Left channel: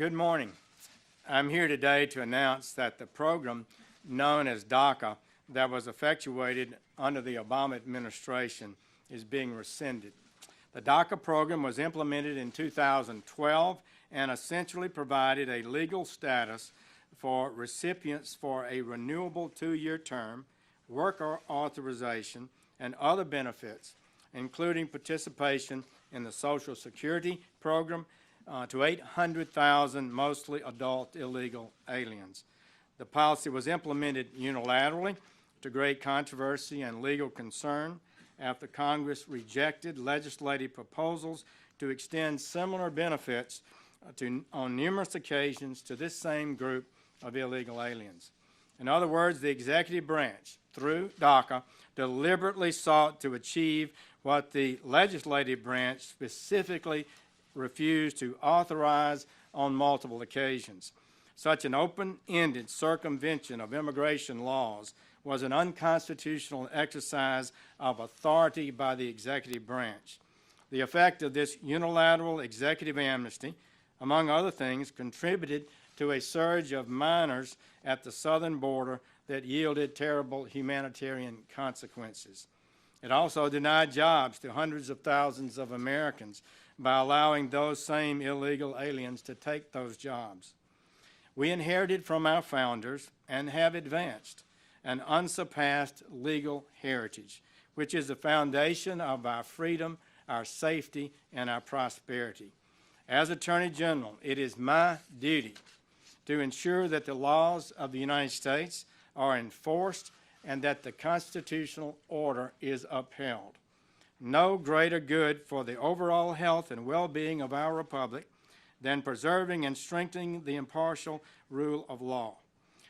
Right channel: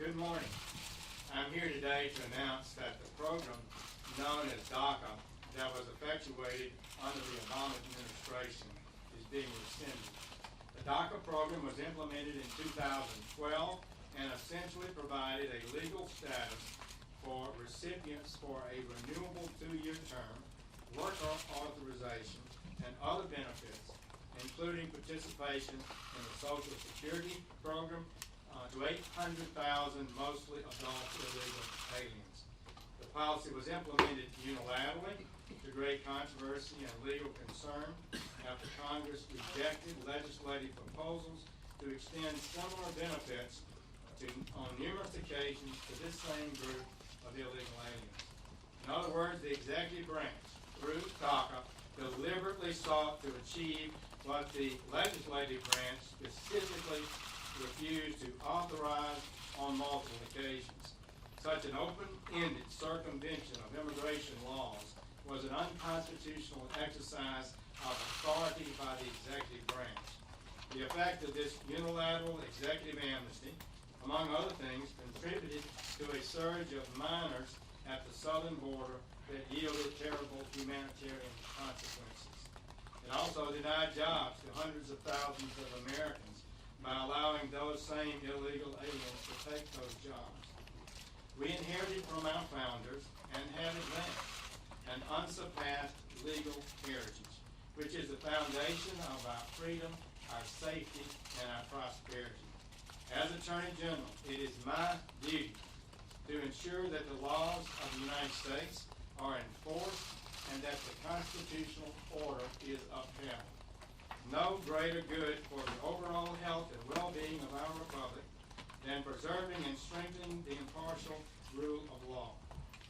Good morning. I'm here today to announce that the program known as DACA that was effectuated under the Obama administration is being rescinded. The DACA program was implemented in 2012 and essentially provided a legal status for recipients for a renewable 2-year term, work authorization, and other benefits, including participation in the Social Security program to 800,000 mostly adult illegal aliens. The policy was implemented unilaterally to great controversy and legal concern after Congress rejected legislative proposals to extend similar benefits on numerous occasions to this same group of illegal aliens. In other words, the executive branch, through DACA, deliberately sought to achieve what the legislative branch specifically refused to authorize on multiple occasions. Such an open-ended circumvention of immigration laws was an unconstitutional exercise of authority by the executive branch. The effect of this unilateral executive amnesty, among other things, contributed to a surge of minors at the southern border that yielded terrible humanitarian consequences. It also denied jobs to hundreds of thousands of Americans by allowing those same illegal aliens to take those jobs. We inherited from our founders and have advanced an unsurpassed legal heritage, which is the foundation of our freedom, our safety, and our prosperity. As Attorney General, it is my duty to ensure that the laws of the United States are enforced and that the constitutional order is upheld. No greater good for the overall health and well-being of our republic than preserving and strengthening the impartial rule of law.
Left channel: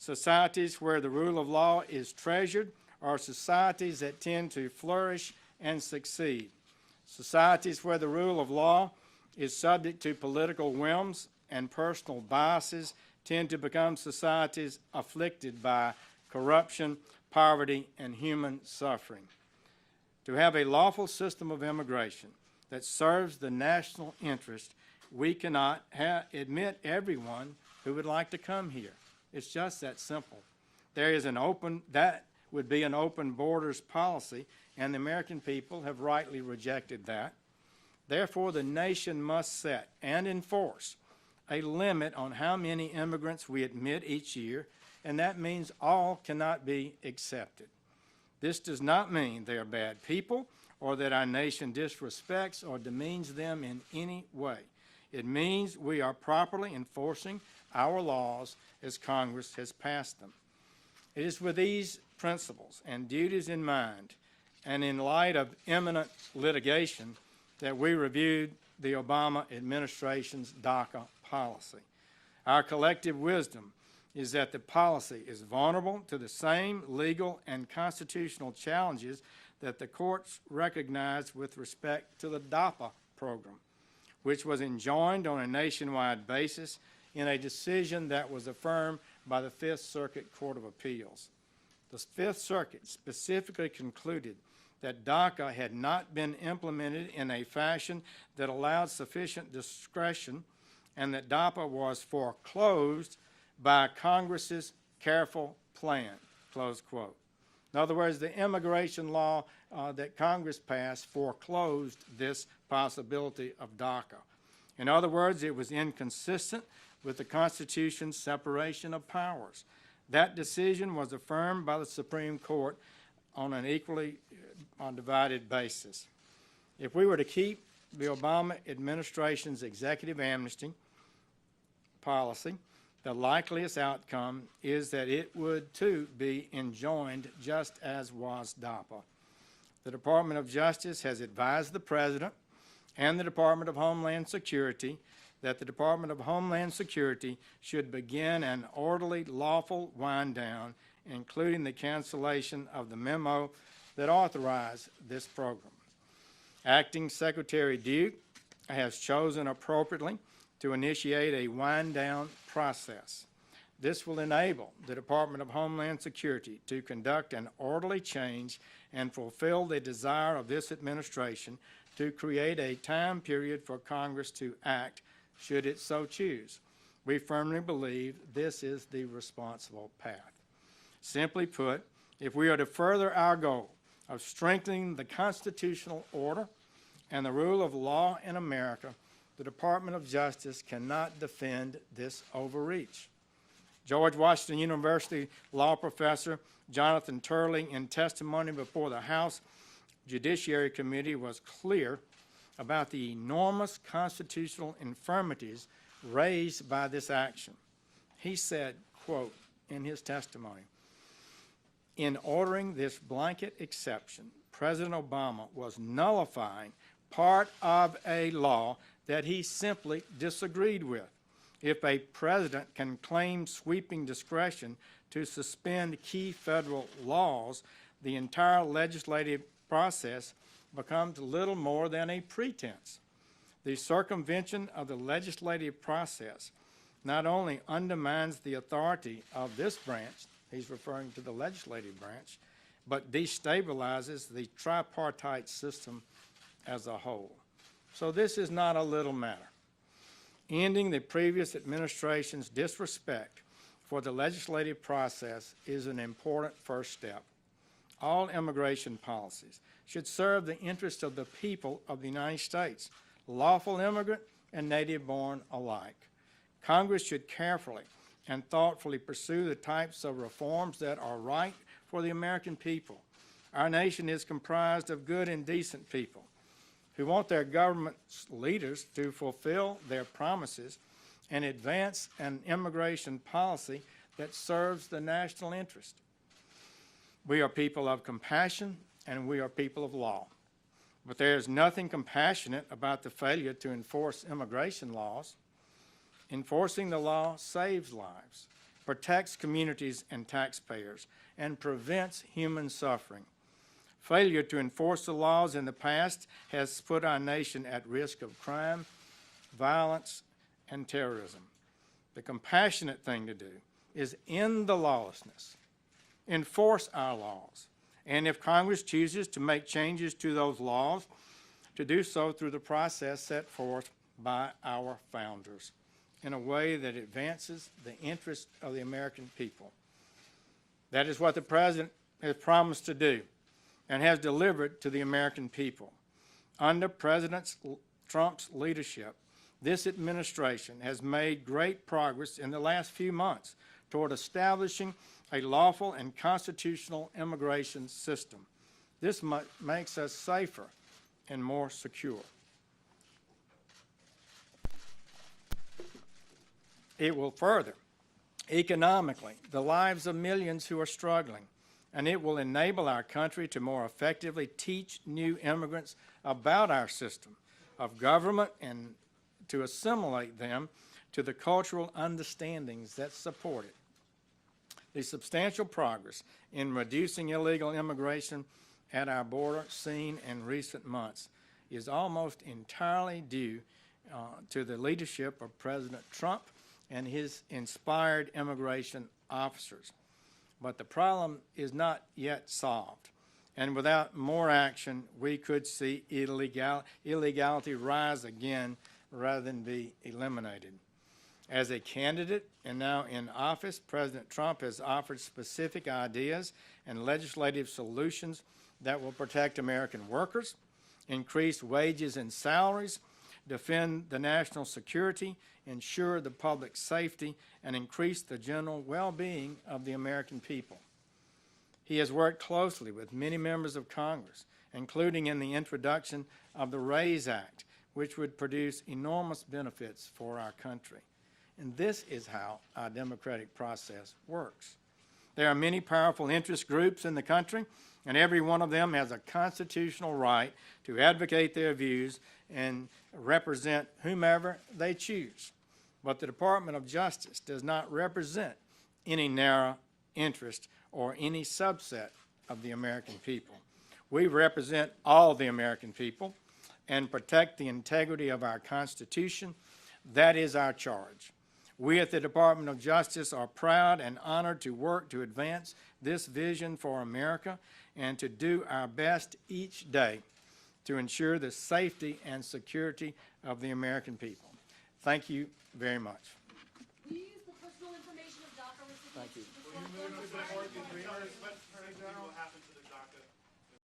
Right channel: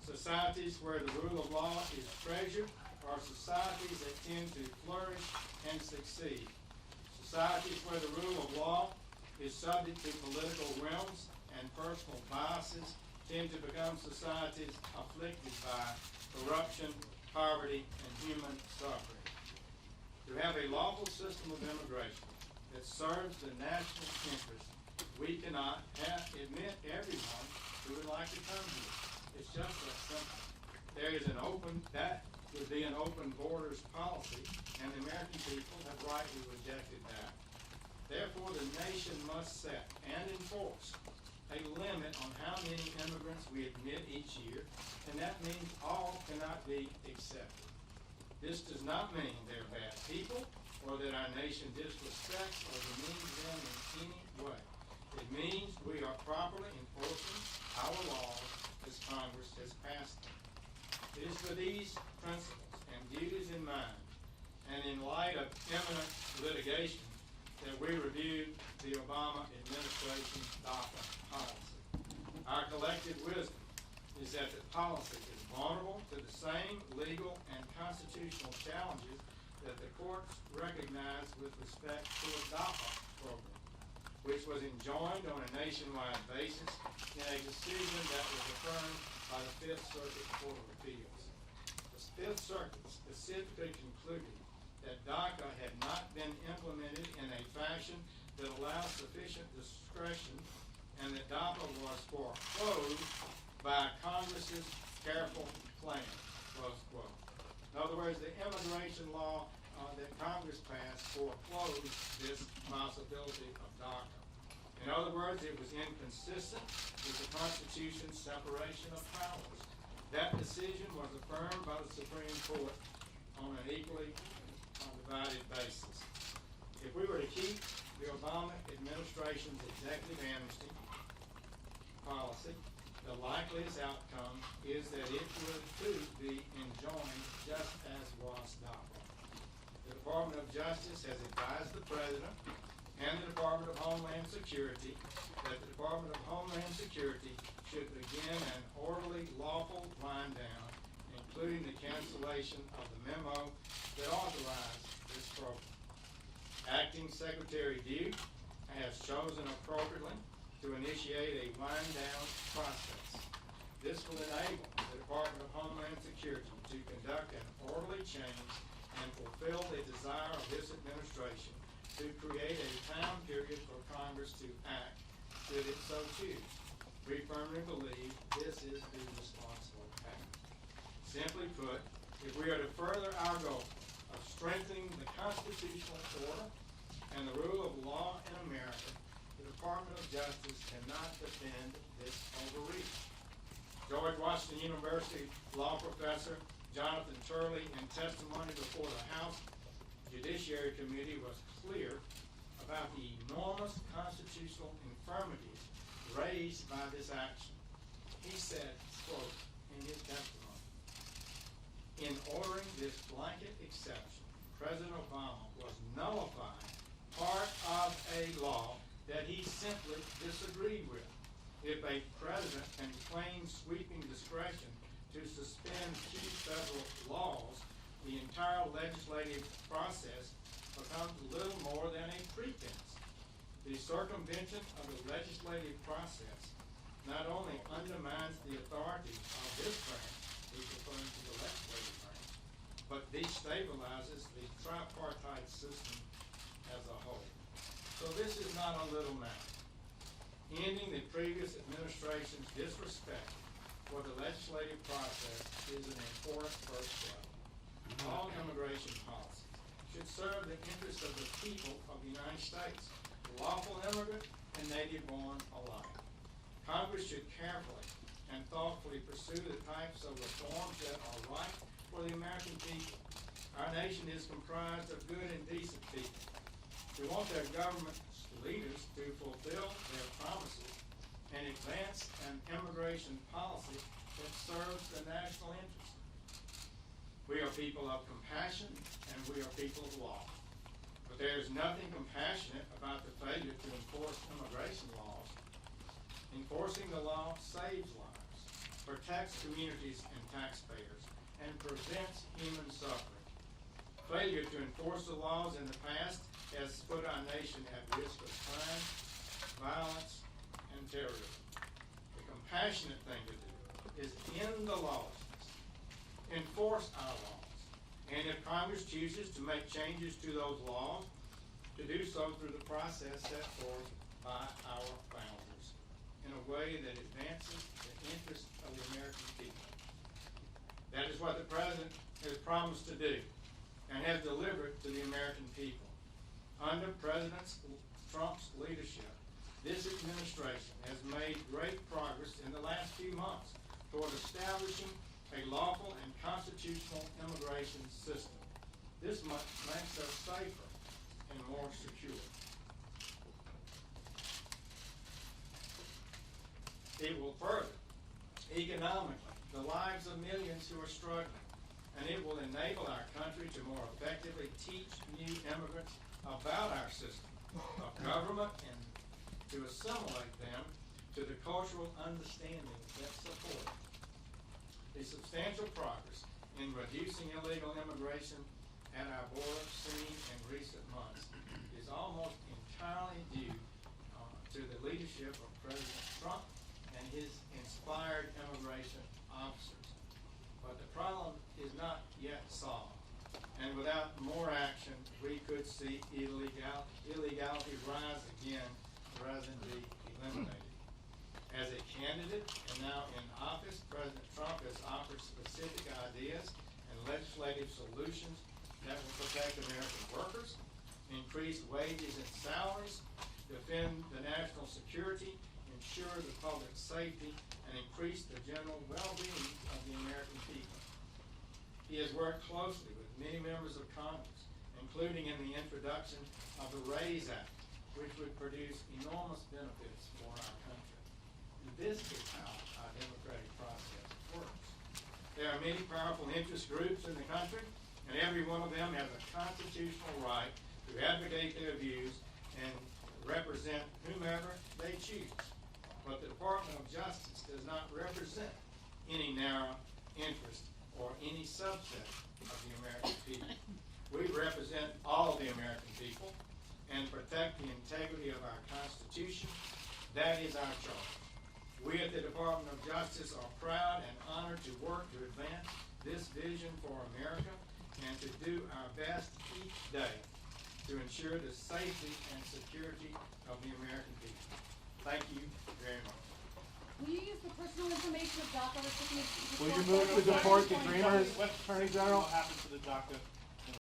Societies where the rule of law is treasured are societies that tend to flourish and succeed. Societies where the rule of law is subject to political whims and personal biases tend to become societies afflicted by corruption, poverty, and human suffering. To have a lawful system of immigration that serves the national interest, we cannot admit everyone who would like to come here. It's just that simple. That would be an open borders policy, and the American people have rightly rejected that. Therefore, the nation must set and enforce a limit on how many immigrants we admit each year, and that means all cannot be accepted. This does not mean they are bad people or that our nation disrespects or demeans them in any way. It means we are properly enforcing our laws as Congress has passed them. It is with these principles and duties in mind, and in light of imminent litigation, that we reviewed the Obama administration's DACA policy. Our collective wisdom is that the policy is vulnerable to the same legal and constitutional challenges that the courts recognized with respect to the DAPA program, which was enjoined on a nationwide basis in a decision that was affirmed by the Fifth Circuit Court of Appeals. The Fifth Circuit specifically concluded that DACA had not been implemented in a fashion that allowed sufficient discretion and that DAPA was foreclosed by Congress's careful plan, close quote. In other words, the immigration law that Congress passed foreclosed this possibility of DACA. In other words, it was inconsistent with the Constitution's separation of powers. That decision was affirmed by the Supreme Court on an equally undivided basis. If we were to keep the Obama administration's executive amnesty policy, the likeliest outcome is that it would too be enjoined just as was DAPA. The Department of Justice has advised the President and the Department of Homeland Security that the Department of Homeland Security should begin an orderly, lawful wind down, including the cancellation of the memo that authorized this program. Acting Secretary Duke has chosen appropriately to initiate a wind-down process. This will enable the Department of Homeland Security to conduct an orderly change and fulfill the desire of this administration to create a time period for Congress to act should it so choose. We firmly believe this is the responsible path. Simply put, if we are to further our goal of strengthening the constitutional order and the rule of law in America, the Department of Justice cannot defend this overreach. George Washington University law professor Jonathan Turley, in testimony before the House Judiciary Committee, was clear about the enormous constitutional infirmities raised by this action. He said, quote, in his testimony, "In ordering this blanket exception, President Obama was nullifying part of a law that he simply disagreed with. If a president can claim sweeping discretion to suspend key federal laws, the entire legislative process becomes little more than a pretense. The circumvention of the legislative process not only undermines the authority of this branch," he's referring to the legislative branch, "but destabilizes the tripartite system as a whole." So this is not a little matter. Ending the previous administration's disrespect for the legislative process is an important first step. All immigration policies should serve the interests of the people of the United States, lawful immigrant and native-born alike. Congress should carefully and thoughtfully pursue the types of reforms that are right for the American people. Our nation is comprised of good and decent people who want their government leaders to fulfill their promises and advance an immigration policy that serves the national interest. We are people of compassion and we are people of law. But there is nothing compassionate about the failure to enforce immigration laws. Enforcing the law saves lives, protects communities and taxpayers, and prevents human suffering. Failure to enforce the laws in the past has put our nation at risk of crime, violence, and terrorism. The compassionate thing to do is end the lawlessness, enforce our laws, and if Congress chooses to make changes to those laws, to do so through the process set forth by our founders in a way that advances the interests of the American people. That is what the President has promised to do and has delivered to the American people. Under President Trump's leadership, this administration has made great progress in the last few months toward establishing a lawful and constitutional immigration system. This makes us safer and more secure. It will further, economically, the lives of millions who are struggling, and it will enable our country to more effectively teach new immigrants about our system of government and to assimilate them to the cultural understandings that support it. The substantial progress in reducing illegal immigration at our border seen in recent months is almost entirely due to the leadership of President Trump and his inspired immigration officers. But the problem is not yet solved, and without more action, we could see illegality rise again rather than be eliminated. As a candidate and now in office, President Trump has offered specific ideas and legislative solutions that will protect American workers, increase wages and salaries, defend the national security, ensure the public safety, and increase the general well-being of the American people. He has worked closely with many members of Congress, including in the introduction of the RAISE Act, which would produce enormous benefits for our country. And this is how our democratic process works. There are many powerful interest groups in the country, and every one of them has a constitutional right to advocate their views and represent whomever they choose. But the Department of Justice does not represent any narrow interest or any subset of the American people. We represent all the American people and protect the integrity of our Constitution. That is our charge. We at the Department of Justice are proud and honored to work to advance this vision for America and to do our best each day to ensure the safety and security of the American people. Thank you very much. DACA recipients. Will you move to deport the Dreamers, Attorney General? What happened to the DACA